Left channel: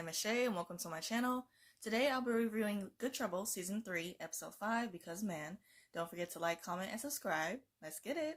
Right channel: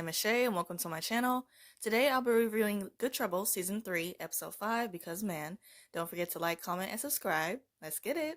name is Shay and welcome to my channel. Today I'll be reviewing Good Trouble Season 3, Episode 5, Because Man. Don't forget to like, comment, and subscribe. Let's get it.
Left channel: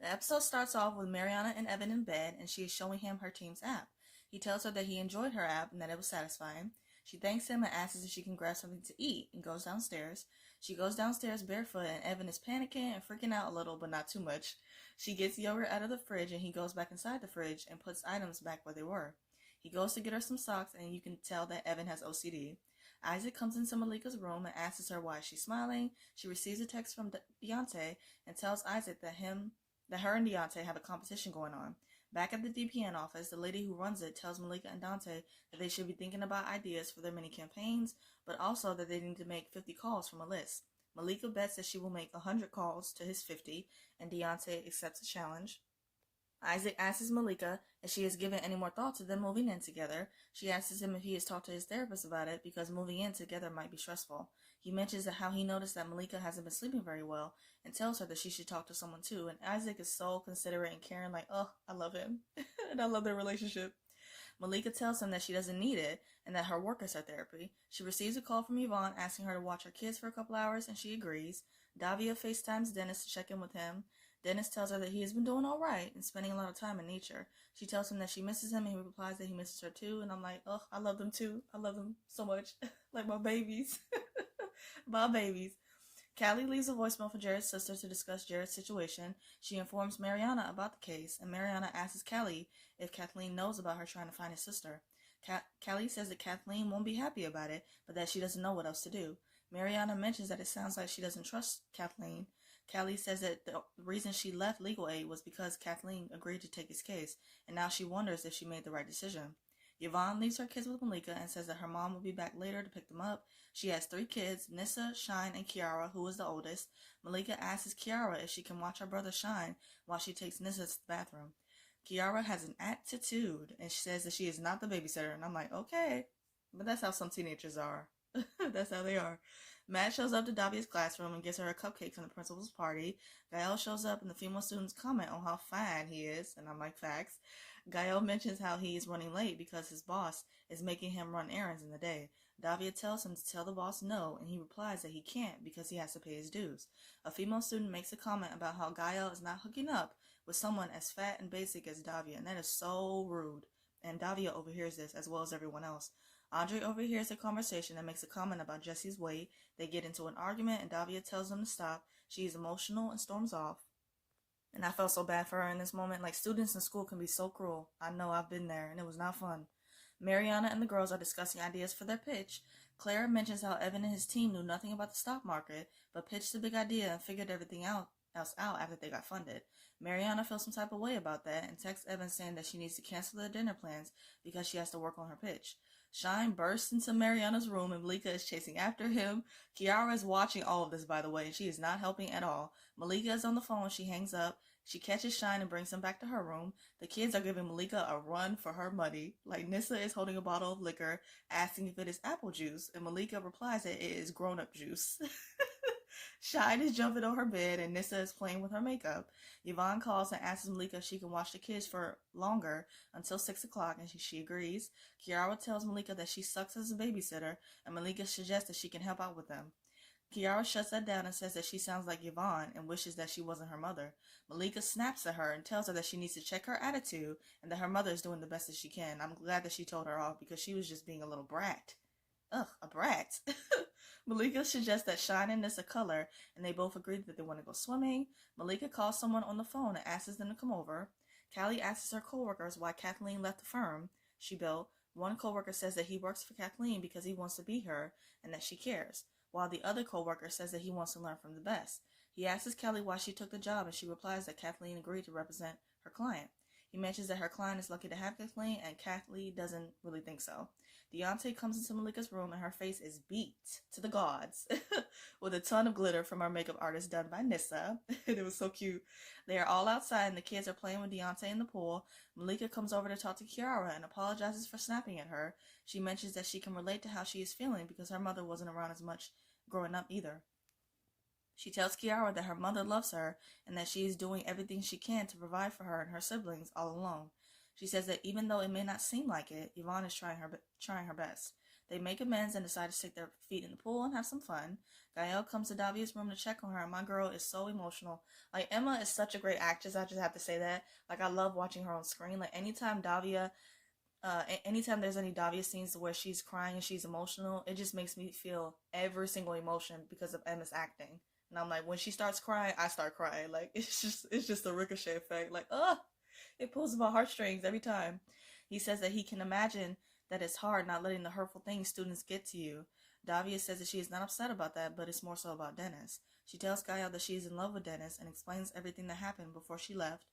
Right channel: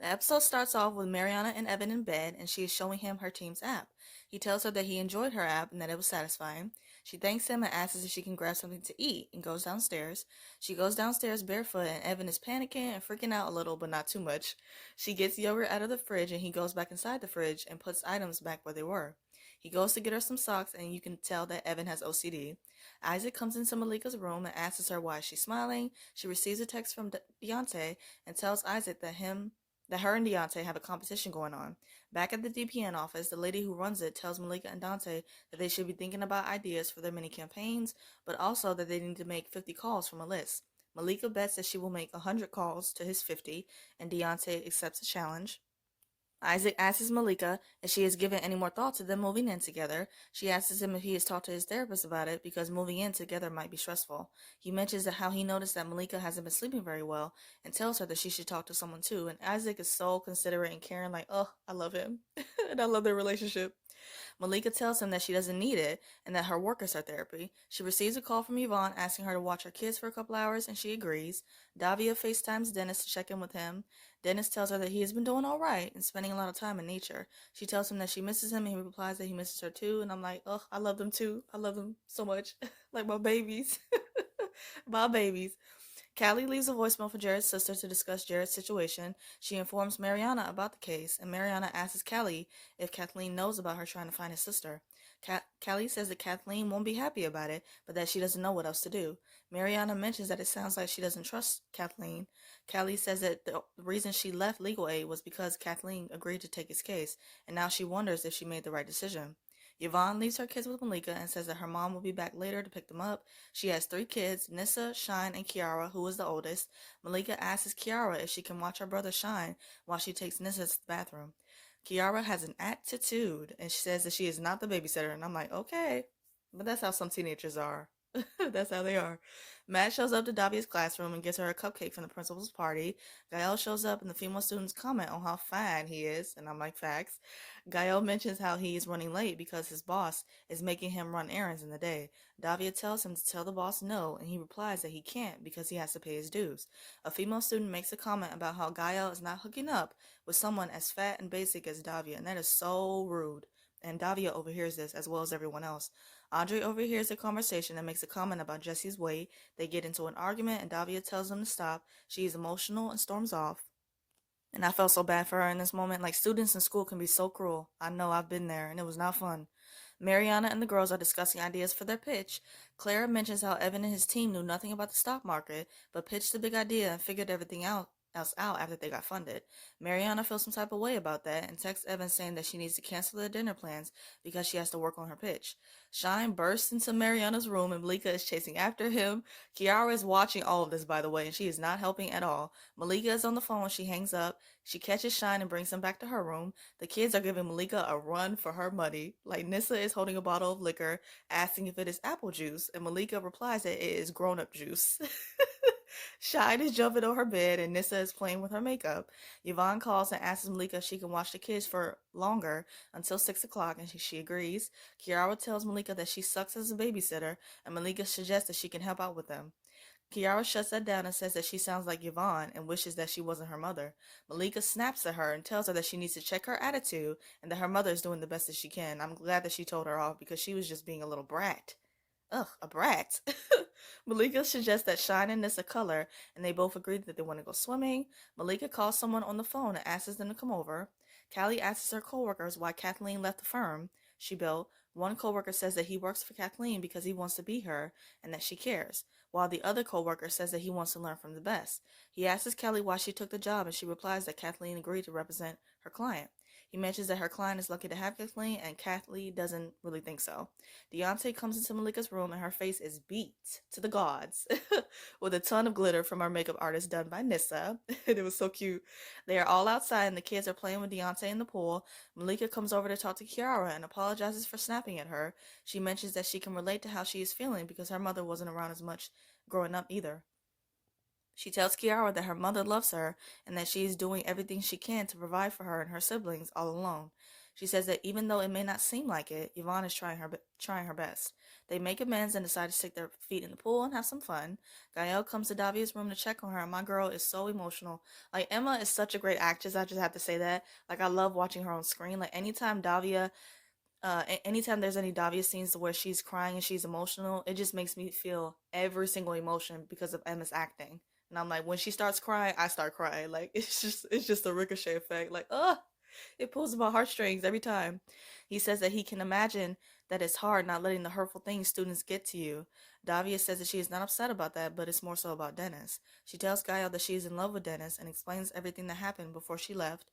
The episode starts off with Mariana and Evan in bed and she is showing him her team's app. He tells her that he enjoyed her app and that it was satisfying. She thanks him and asks if she can grab something to eat and goes downstairs. She goes downstairs barefoot and Evan is panicking and freaking out a little but not too much. She gets yogurt out of the fridge and he goes back inside the fridge and puts items back where they were. He goes to get her some socks and you can tell that Evan has OCD. Isaac comes into Malika's room and asks her why she's smiling. She receives a text from Deontay and tells Isaac that her and Deontay have a competition going on. Back at the DPN office, the lady who runs it tells Malika and Dante that they should be thinking about ideas for their mini campaigns, but also that they need to make 50 calls from a list. Malika bets that she will make 100 calls to his 50, and Deontay accepts the challenge. Isaac asks Malika if she has given any more thought to them moving in together. She asks him if he has talked to his therapist about it because moving in together might be stressful. He mentions that how he noticed that Malika hasn't been sleeping very well and tells her that she should talk to someone too. And Isaac is so considerate and caring, like, oh, I love him. And I love their relationship. Malika tells him that she doesn't need it and that her work is her therapy. She receives a call from Yvonne asking her to watch her kids for a couple hours and she agrees. Davia FaceTimes Dennis to check in with him. Dennis tells her that he has been doing all right and spending a lot of time in nature. She tells him that she misses him and he replies that he misses her too. And I'm like, oh, I love them too. I love them so much. Like my babies. My babies. Callie leaves a voicemail for Jared's sister to discuss Jared's situation. She informs Mariana about the case, and Mariana asks Callie if Kathleen knows about her trying to find his sister. Callie says that Kathleen won't be happy about it, but that she doesn't know what else to do. Mariana mentions that it sounds like she doesn't trust Kathleen. Callie says that the reason she left legal aid was because Kathleen agreed to take his case, and now she wonders if she made the right decision. Yvonne leaves her kids with Malika and says that her mom will be back later to pick them up. She has 3 kids, Nissa, Shine, and Kiara, who is the oldest. Malika asks Kiara if she can watch her brother Shine while she takes Nissa to the bathroom. Kiara has an attitude and she says that she is not the babysitter, and I'm like, okay, but that's how some teenagers are. That's how they are. Matt shows up to Davia's classroom and gives her a cupcake from the principal's party. Gael shows up and the female students comment on how fine he is, and I'm like, facts. Gael mentions how he is running late because his boss is making him run errands in the day. Davia tells him to tell the boss no, and he replies that he can't because he has to pay his dues. A female student makes a comment about how Gael is not hooking up with someone as fat and basic as Davia, and that is so rude. And Davia overhears this as well as everyone else. Audrey overhears the conversation and makes a comment about Jesse's weight. They get into an argument and Davia tells them to stop. She is emotional and storms off. And I felt so bad for her in this moment. Like, students in school can be so cruel. I know, I've been there, and it was not fun. Mariana and the girls are discussing ideas for their pitch. Clara mentions how Evan and his team knew nothing about the stock market, but pitched the big idea and figured everything else out after they got funded. Mariana feels some type of way about that and texts Evan saying that she needs to cancel their dinner plans because she has to work on her pitch. Shine bursts into Mariana's room and Malika is chasing after him. Kiara is watching all of this, by the way, and she is not helping at all. Malika is on the phone when she hangs up. She catches Shine and brings him back to her room. The kids are giving Malika a run for her money. Like, Nissa is holding a bottle of liquor, asking if it is apple juice, and Malika replies that it is grown-up juice. Shine is jumping on her bed, and Nissa is playing with her makeup. Yvonne calls and asks Malika if she can watch the kids for longer until 6 o'clock, and she agrees. Kiara tells Malika that she sucks as a babysitter, and Malika suggests that she can help out with them. Kiara shuts that down and says that she sounds like Yvonne and wishes that she wasn't her mother. Malika snaps at her and tells her that she needs to check her attitude and that her mother is doing the best that she can. I'm glad that she told her off because she was just being a little brat. Ugh, a brat. Malika suggests that Shine and Nissa color, and they both agree that they want to go swimming. Malika calls someone on the phone and asks them to come over. Callie asks her coworkers why Kathleen left the firm she built. One coworker says that he works for Kathleen because he wants to be her and that she cares, while the other coworker says that he wants to learn from the best. He asks Kelly why she took the job, and she replies that Kathleen agreed to represent her client. He mentions that her client is lucky to have Kathleen, and Kathleen doesn't really think so. Deontay comes into Malika's room, and her face is beat to the gods with a ton of glitter from our makeup artist done by Nissa. And it was so cute. They are all outside, and the kids are playing with Deontay in the pool. Malika comes over to talk to Kiara and apologizes for snapping at her. She mentions that she can relate to how she is feeling because her mother wasn't around as much growing up either. She tells Kiara that her mother loves her and that she is doing everything she can to provide for her and her siblings all alone. She says that even though it may not seem like it, Yvonne is trying her best. They make amends and decide to stick their feet in the pool and have some fun. Gael comes to Davia's room to check on her, and my girl is so emotional. Like, Emma is such a great actress, I just have to say that. Like, I love watching her on screen. Like, anytime there's any Davia scenes where she's crying and she's emotional, it just makes me feel every single emotion because of Emma's acting. And I'm like, when she starts crying, I start crying. Like, it's just a ricochet effect. Like, it pulls at my heartstrings every time. He says that he can imagine that it's hard not letting the hurtful things students get to you. Davia says that she is not upset about that, but it's more so about Dennis. She tells Gael that she is in love with Dennis and explains everything that happened before he left.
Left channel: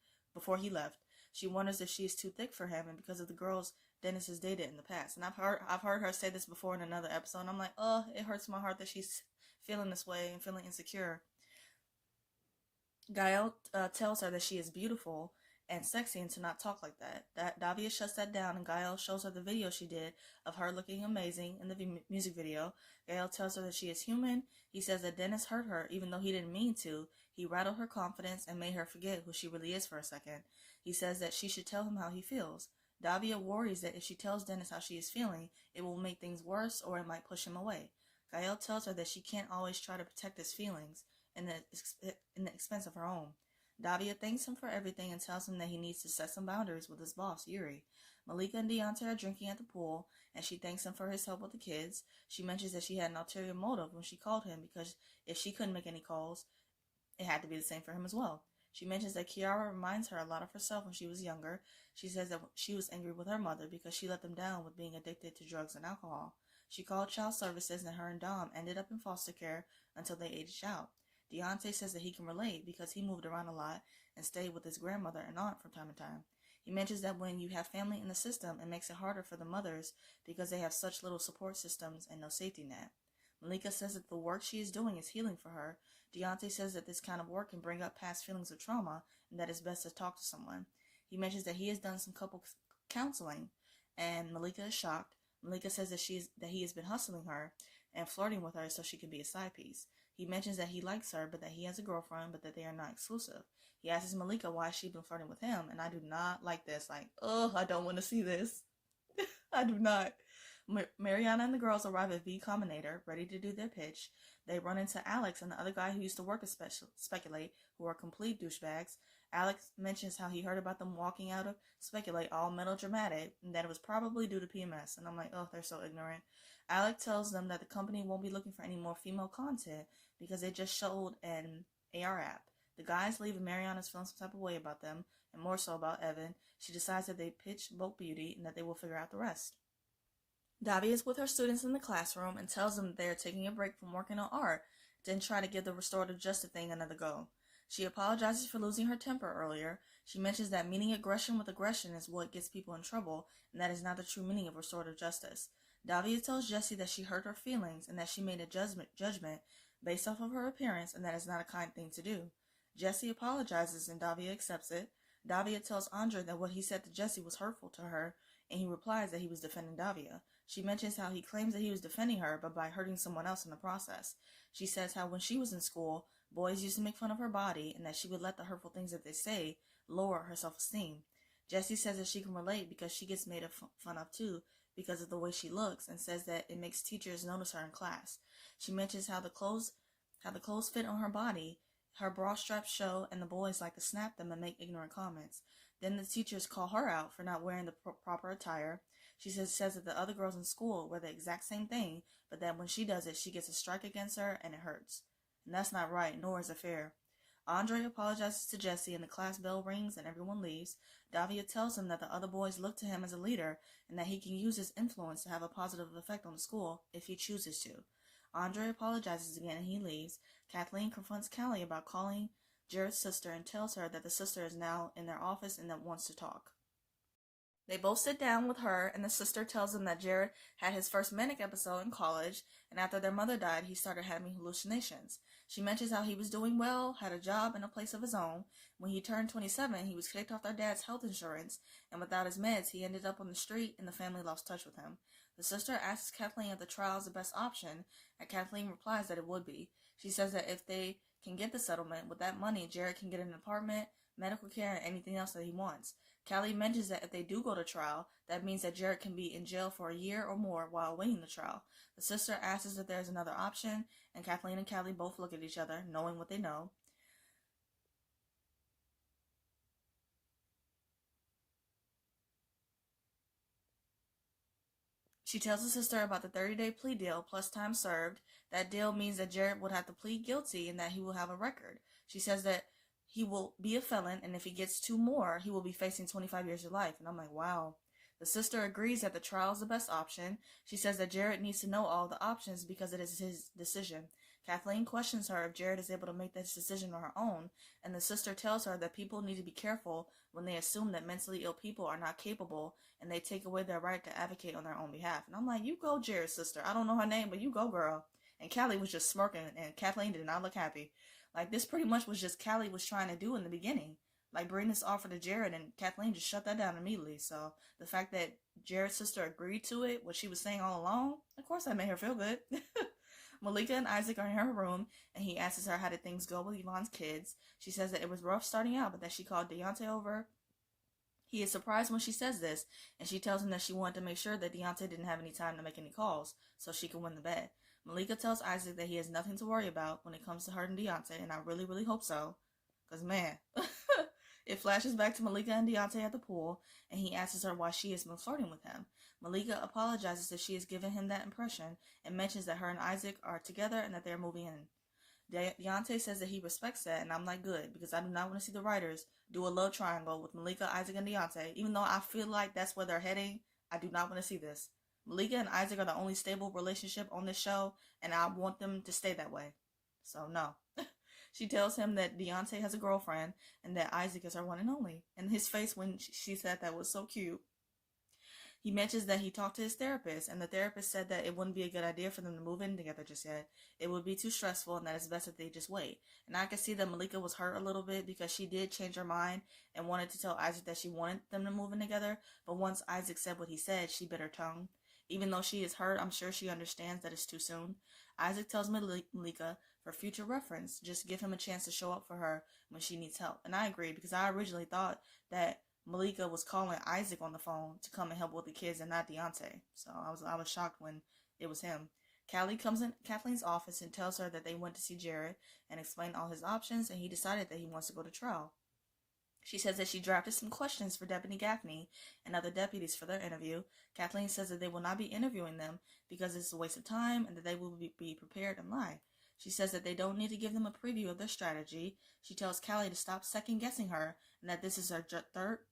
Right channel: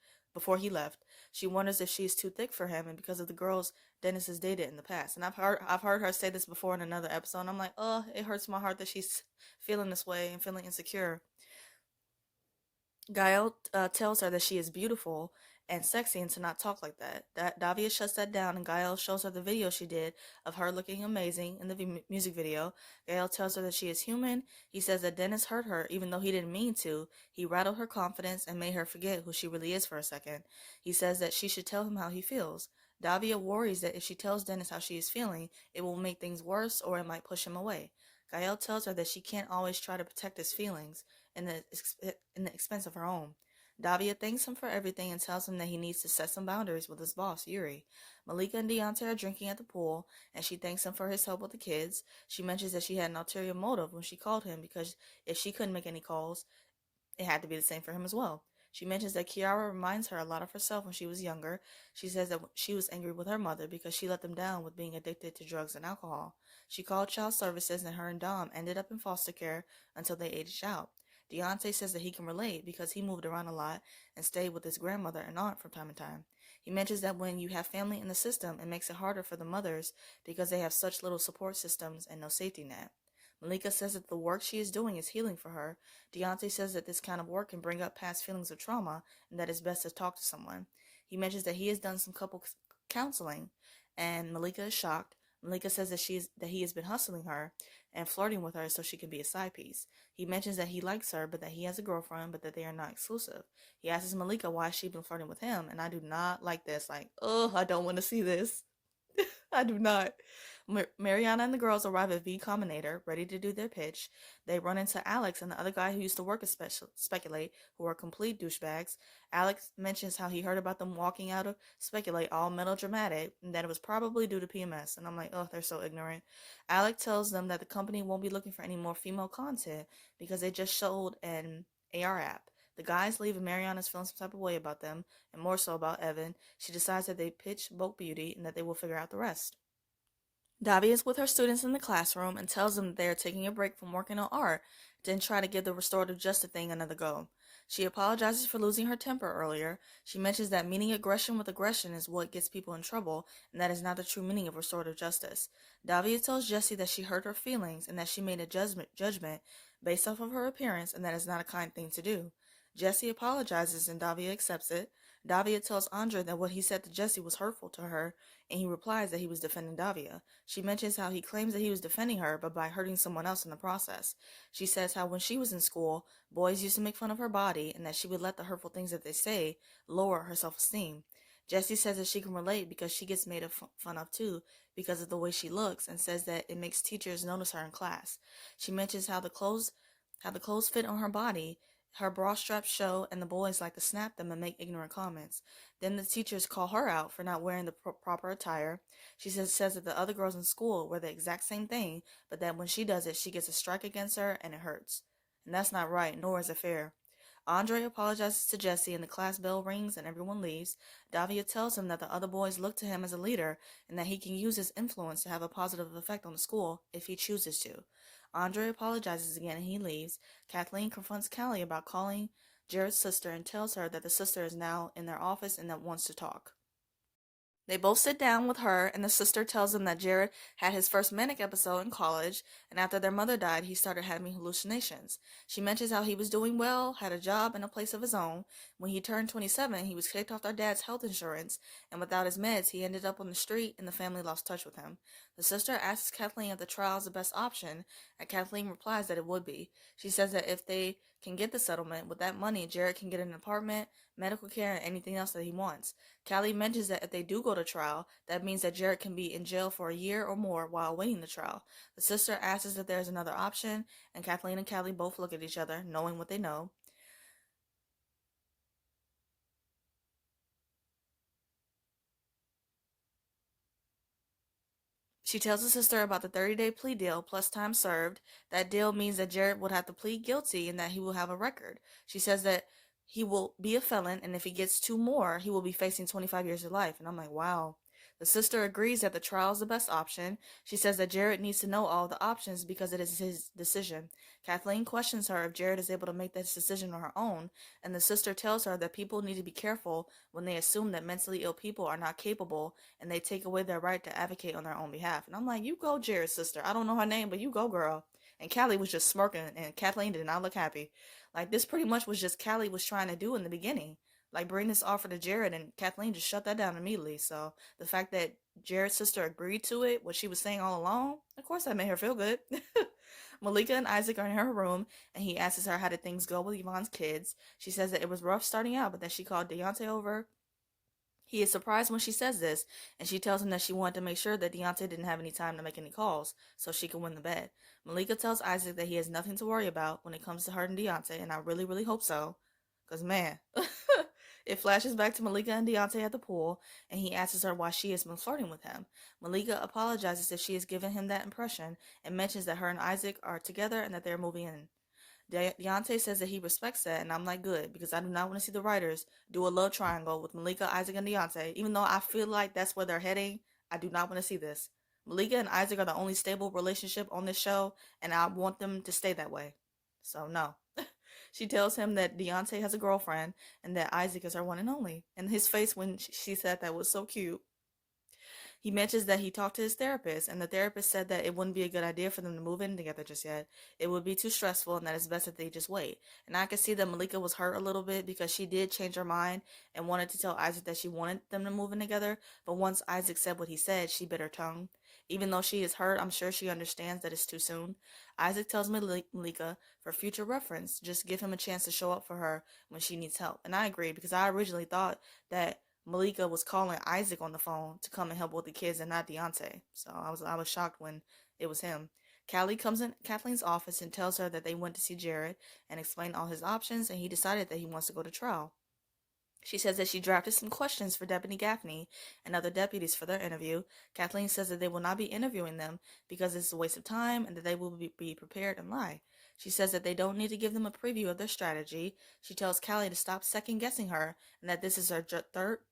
She wonders if she is too thick for him and because of the girls Dennis has dated in the past. And I've heard her say this before in another episode, and I'm like, oh, it hurts my heart that she's feeling this way and feeling insecure. Gael tells her that she is beautiful and sexy and to not talk like that. Davia shuts that down, and Gael shows her the video she did of her looking amazing in the music video. Gael tells her that she is human. He says that Dennis hurt her even though he didn't mean to. He rattled her confidence and made her forget who she really is for a second. He says that she should tell him how he feels. Davia worries that if she tells Dennis how she is feeling, it will make things worse or it might push him away. Gael tells her that she can't always try to protect his feelings in the expense of her own. Davia thanks him for everything and tells him that he needs to set some boundaries with his boss, Yuri. Malika and Deontay are drinking at the pool, and she thanks him for his help with the kids. She mentions that she had an ulterior motive when she called him because if she couldn't make any calls, it had to be the same for him as well. She mentions that Kiara reminds her a lot of herself when she was younger. She says that she was angry with her mother because she let them down with being addicted to drugs and alcohol. She called child services and her and Dom ended up in foster care until they aged out. Deontay says that he can relate because he moved around a lot and stayed with his grandmother and aunt from time to time. He mentions that when you have family in the system, it makes it harder for the mothers because they have such little support systems and no safety net. Malika says that the work she is doing is healing for her. Deontay says that this kind of work can bring up past feelings of trauma and that it's best to talk to someone. He mentions that he has done some couple counseling, and Malika is shocked. Malika says that he has been hustling her and flirting with her so she can be a side piece. He mentions that he likes her, but that he has a girlfriend, but that they are not exclusive. He asks Malika why she's been flirting with him, and I do not like this. Like, oh, I don't want to see this. I do not. Mariana and the girls arrive at V Combinator, ready to do their pitch. They run into Alex and the other guy who used to work at Speculate, who are complete douchebags. Alex mentions how he heard about them walking out of Speculate all melodramatic, and that it was probably due to PMS. And I'm like, oh, they're so ignorant. Alex tells them that the company won't be looking for any more female content because they just showed an AR app. The guys leave and Mariana's feeling some type of way about them, and more so about Evan. She decides that they pitch Bulk Beauty and that they will figure out the rest. Davy is with her students in the classroom and tells them that they are taking a break from working on art, then try to give the restorative justice thing another go. She apologizes for losing her temper earlier. She mentions that meeting aggression with aggression is what gets people in trouble, and that is not the true meaning of restorative justice. Davia tells Jessie that she hurt her feelings and that she made a judgment based off of her appearance, and that is not a kind thing to do. Jessie apologizes and Davia accepts it. Davia tells Andre that what he said to Jessie was hurtful to her, and he replies that he was defending Davia. She mentions how he claims that he was defending her, but by hurting someone else in the process. She says how when she was in school, boys used to make fun of her body, and that she would let the hurtful things that they say lower her self-esteem. Jessie says that she can relate because she gets made fun of too because of the way she looks, and says that it makes teachers notice her in class. She mentions how the clothes fit on her body, her bra straps show, and the boys like to snap them and make ignorant comments. Then the teachers call her out for not wearing the proper attire. She says that the other girls in school wear the exact same thing, but that when she does it, she gets a strike against her and it hurts. And that's not right, nor is it fair. Andre apologizes to Jessie and the class bell rings and everyone leaves. Davia tells him that the other boys look to him as a leader and that he can use his influence to have a positive effect on the school if he chooses to. Andre apologizes again and he leaves. Kathleen confronts Callie about calling Jared's sister and tells her that the sister is now in their office and that wants to talk. They both sit down with her, and the sister tells them that Jared had his first manic episode in college, and after their mother died, he started having hallucinations. She mentions how he was doing well, had a job and a place of his own. When he turned 27, he was kicked off their dad's health insurance, and without his meds, he ended up on the street, and the family lost touch with him. The sister asks Kathleen if the trial is the best option, and Kathleen replies that it would be. She says that if they can get the settlement. With that money, Jared can get an apartment, medical care, and anything else that he wants. Callie mentions that if they do go to trial, that means that Jared can be in jail for a year or more while waiting the trial. The sister asks if there's another option, and Kathleen and Callie both look at each other, knowing what they know. She tells the sister about the 30-day plea deal plus time served. That deal means that Jared would have to plead guilty and that he will have a record. She says that he will be a felon, and if he gets two more, he will be facing 25 years of life. And I'm like, wow. The sister agrees that the trial is the best option. She says that Jared needs to know all the options because it is his decision. Kathleen questions her if Jared is able to make this decision on her own, and the sister tells her that people need to be careful when they assume that mentally ill people are not capable and they take away their right to advocate on their own behalf. And I'm like, you go, Jared's sister. I don't know her name, but you go, girl. And Callie was just smirking, and Kathleen did not look happy. Like, this pretty much was just Callie was trying to do in the beginning. Like, bring this offer to Jared, and Kathleen just shut that down immediately. So, the fact that Jared's sister agreed to it, what she was saying all along, of course that made her feel good. Malika and Isaac are in her room, and he asks her how did things go with Yvonne's kids. She says that it was rough starting out, but that she called Deontay over. He is surprised when she says this, and she tells him that she wanted to make sure that Deontay didn't have any time to make any calls so she can win the bet. Malika tells Isaac that he has nothing to worry about when it comes to her and Deontay, and I really, really hope so. Because, man, it flashes back to Malika and Deontay at the pool, and he asks her why she has been flirting with him. Malika apologizes if she has given him that impression and mentions that her and Isaac are together and that they're moving in. Deontay says that he respects that, and I'm like, good, because I do not want to see the writers do a love triangle with Malika, Isaac, and Deontay. Even though I feel like that's where they're heading, I do not want to see this. Malika and Isaac are the only stable relationship on this show, and I want them to stay that way. So, no. She tells him that Deontay has a girlfriend and that Isaac is her one and only. And his face when she said that was so cute. He mentions that he talked to his therapist, and the therapist said that it wouldn't be a good idea for them to move in together just yet. It would be too stressful, and that it's best that they just wait. And I could see that Malika was hurt a little bit because she did change her mind and wanted to tell Isaac that she wanted them to move in together. But once Isaac said what he said, she bit her tongue. Even though she is hurt, I'm sure she understands that it's too soon. Isaac tells Malika, for future reference, just give him a chance to show up for her when she needs help. And I agree, because I originally thought that Malika was calling Isaac on the phone to come and help with the kids and not Deontay. So I was shocked when it was him. Callie comes in Kathleen's office and tells her that they went to see Jared and explain all his options, and he decided that he wants to go to trial. She says that she drafted some questions for Deputy Gaffney and other deputies for their interview. Kathleen says that they will not be interviewing them because it's a waste of time and that they will be prepared and lie. She says that they don't need to give them a preview of their strategy. She tells Callie to stop second-guessing her and that this is her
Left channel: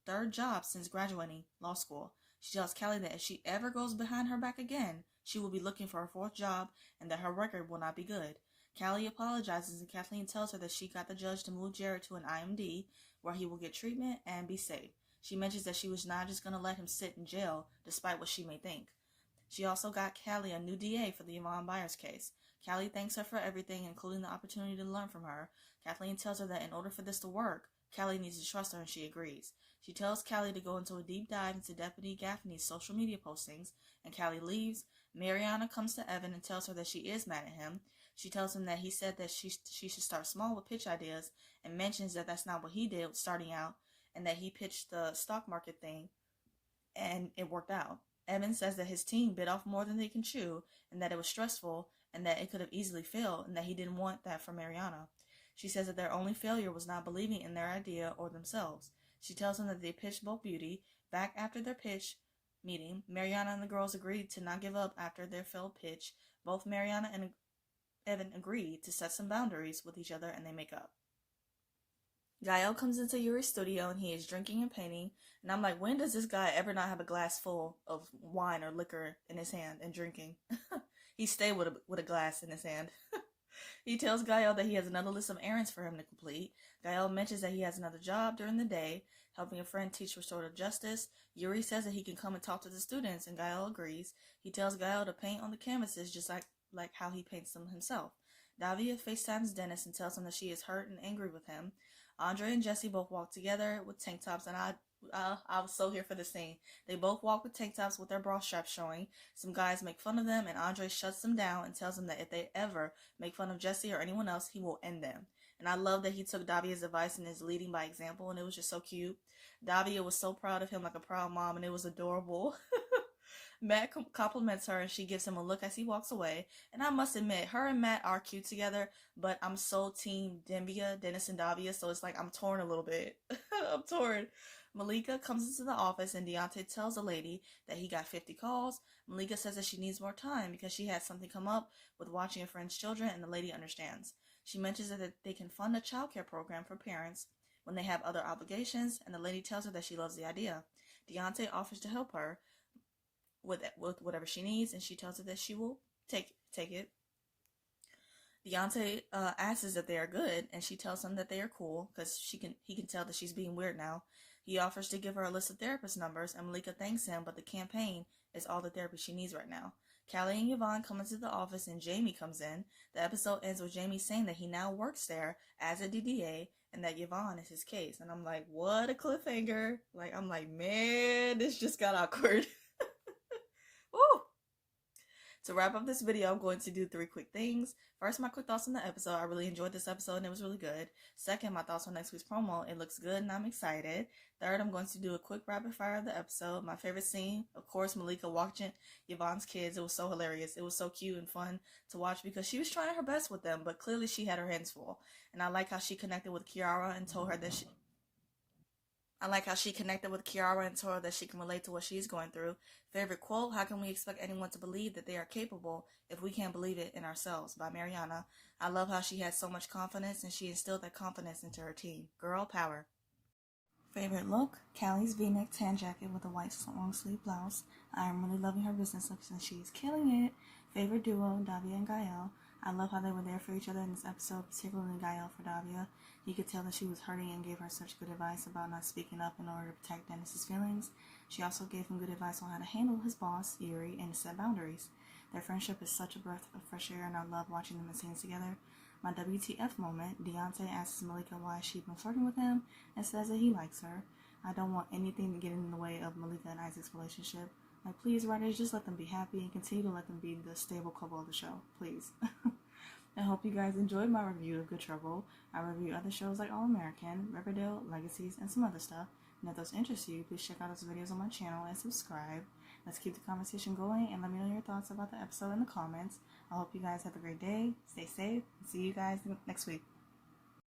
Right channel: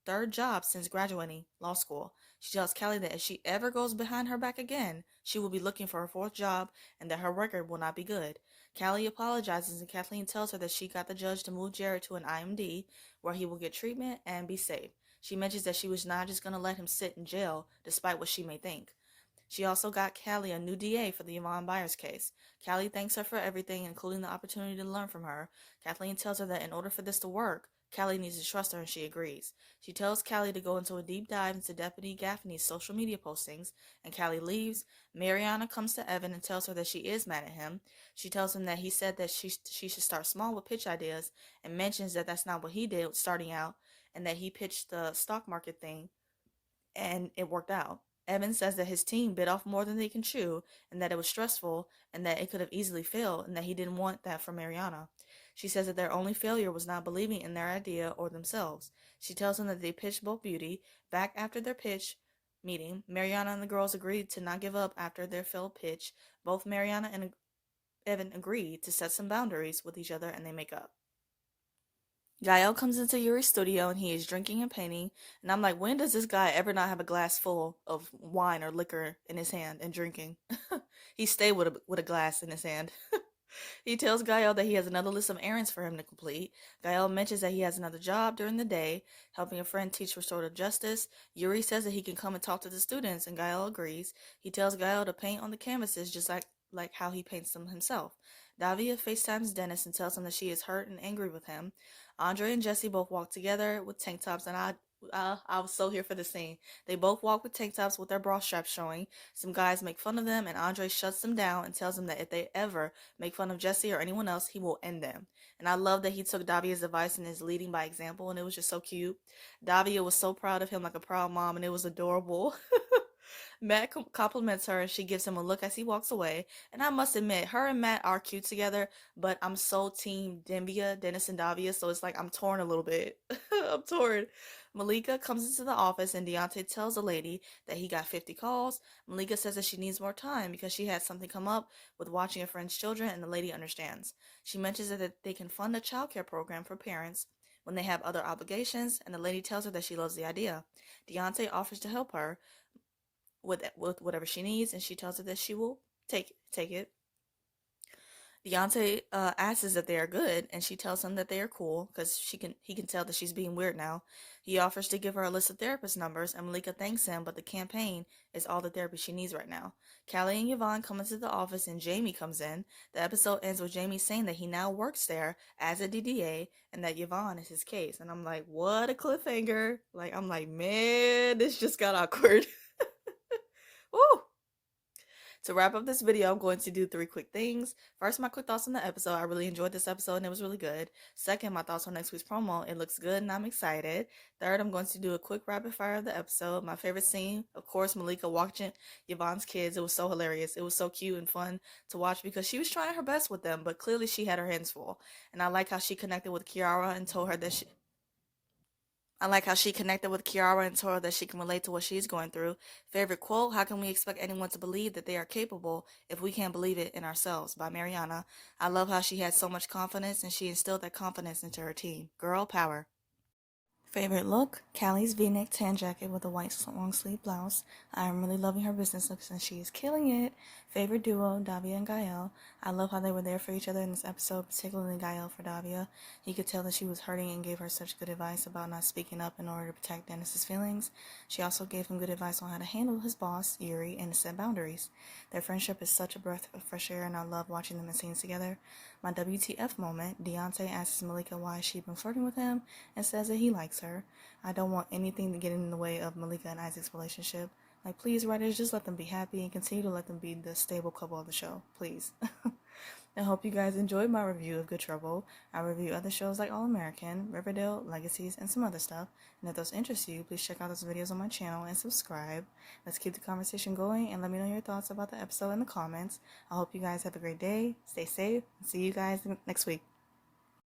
third job since graduating law school. She tells Callie that if she ever goes behind her back again, she will be looking for her fourth job and that her record will not be good. Callie apologizes and Kathleen tells her that she got the judge to move Jared to an IMD where he will get treatment and be safe. She mentions that she was not just going to let him sit in jail despite what she may think. She also got Callie a new DA for the Yvonne Byers case. Callie thanks her for everything, including the opportunity to learn from her. Kathleen tells her that in order for this to work, Callie needs to trust her, and she agrees. She tells Callie to go into a deep dive into Deputy Gaffney's social media postings, and Callie leaves. Mariana comes to Evan and tells her that she is mad at him. She tells him that he said that she should start small with pitch ideas and mentions that that's not what he did starting out and that he pitched the stock market thing and it worked out. Evan says that his team bit off more than they can chew and that it was stressful and that it could have easily failed and that he didn't want that for Mariana. She says that their only failure was not believing in their idea or themselves. She tells him that they pitched both Beauty. Back after their pitch meeting, Mariana and the girls agreed to not give up after their failed pitch. Both Mariana and Evan agreed to set some boundaries with each other and they make up. Gael comes into Yuri's studio and he is drinking and painting. And I'm like, when does this guy ever not have a glass full of wine or liquor in his hand and drinking? He stayed with a glass in his hand. He tells Gael that he has another list of errands for him to complete. Gael mentions that he has another job during the day, helping a friend teach restorative justice. Yuri says that he can come and talk to the students, and Gael agrees. He tells Gael to paint on the canvases just like how he paints them himself. Davia FaceTimes Dennis and tells him that she is hurt and angry with him. Andre and Jesse both walk together with tank tops, and I was so here for the scene. They both walk with tank tops with their bra straps showing. Some guys make fun of them, and Andre shuts them down and tells them that if they ever make fun of Jesse or anyone else, he will end them. And I love that he took Davia's advice and is leading by example, and it was just so cute. Davia was so proud of him, like a proud mom, and it was adorable. Matt compliments her and she gives him a look as he walks away. And I must admit, her and Matt are cute together, but I'm so team Dembia, Dennis and Davia, so it's like I'm torn a little bit. I'm torn. Malika comes into the office and Deontay tells the lady that he got 50 calls. Malika says that she needs more time because she had something come up with watching a friend's children, and the lady understands. She mentions that they can fund a childcare program for parents when they have other obligations, and the lady tells her that she loves the idea. Deontay offers to help her with whatever she needs, and she tells her that she will take it. Deontay asks if they are good, and she tells him that they are cool because he can tell that she's being weird now. He offers to give her a list of therapist numbers, and Malika thanks him, but the campaign is all the therapy she needs right now. Callie and Yvonne come into the office, and Jamie comes in. The episode ends with Jamie saying that he now works there as a DDA, and that Yvonne is his case. And I'm like, what a cliffhanger! Like, I'm like, man, this just got awkward. Woo! To wrap up this video, I'm going to do 3 quick things. First, my quick thoughts on the episode. I really enjoyed this episode and it was really good. Second, my thoughts on next week's promo. It looks good and I'm excited. Third, I'm going to do a quick rapid fire of the episode. My favorite scene, of course, Malika watching Yvonne's kids. It was so hilarious. It was so cute and fun to watch because she was trying her best with them, but clearly she had her hands full. And I like how she connected with Kiara and told her that I like how she connected with Kiara and told her that she can relate to what she's going through. Favorite quote, how can we expect anyone to believe that they are capable if we can't believe it in ourselves? By Mariana. I love how she had so much confidence and she instilled that confidence into her team. Girl power. Favorite look, Callie's v-neck tan jacket with a white long sleeve blouse. I am really loving her business looks and she is killing it. Favorite duo, Davia and Gael. I love how they were there for each other in this episode, particularly Gael for Davia. You could tell that she was hurting and gave her such good advice about not speaking up in order to protect Dennis's feelings. She also gave him good advice on how to handle his boss, Yuri, and set boundaries. Their friendship is such a breath of fresh air and I love watching them in scenes together. My WTF moment, Deontay asks Malika why she'd been flirting with him and says that he likes her. I don't want anything to get in the way of Malika and Isaac's relationship. Like, please, writers, just let them be happy and continue to let them be the stable couple of the show, please. I hope you guys enjoyed my review of Good Trouble. I review other shows like All American, Riverdale, Legacies, and some other stuff. And if those interest you, please check out those videos on my channel and subscribe. Let's keep the conversation going and let me know your thoughts about the episode in the comments. I hope you guys have a great day, stay safe, and see you guys next week.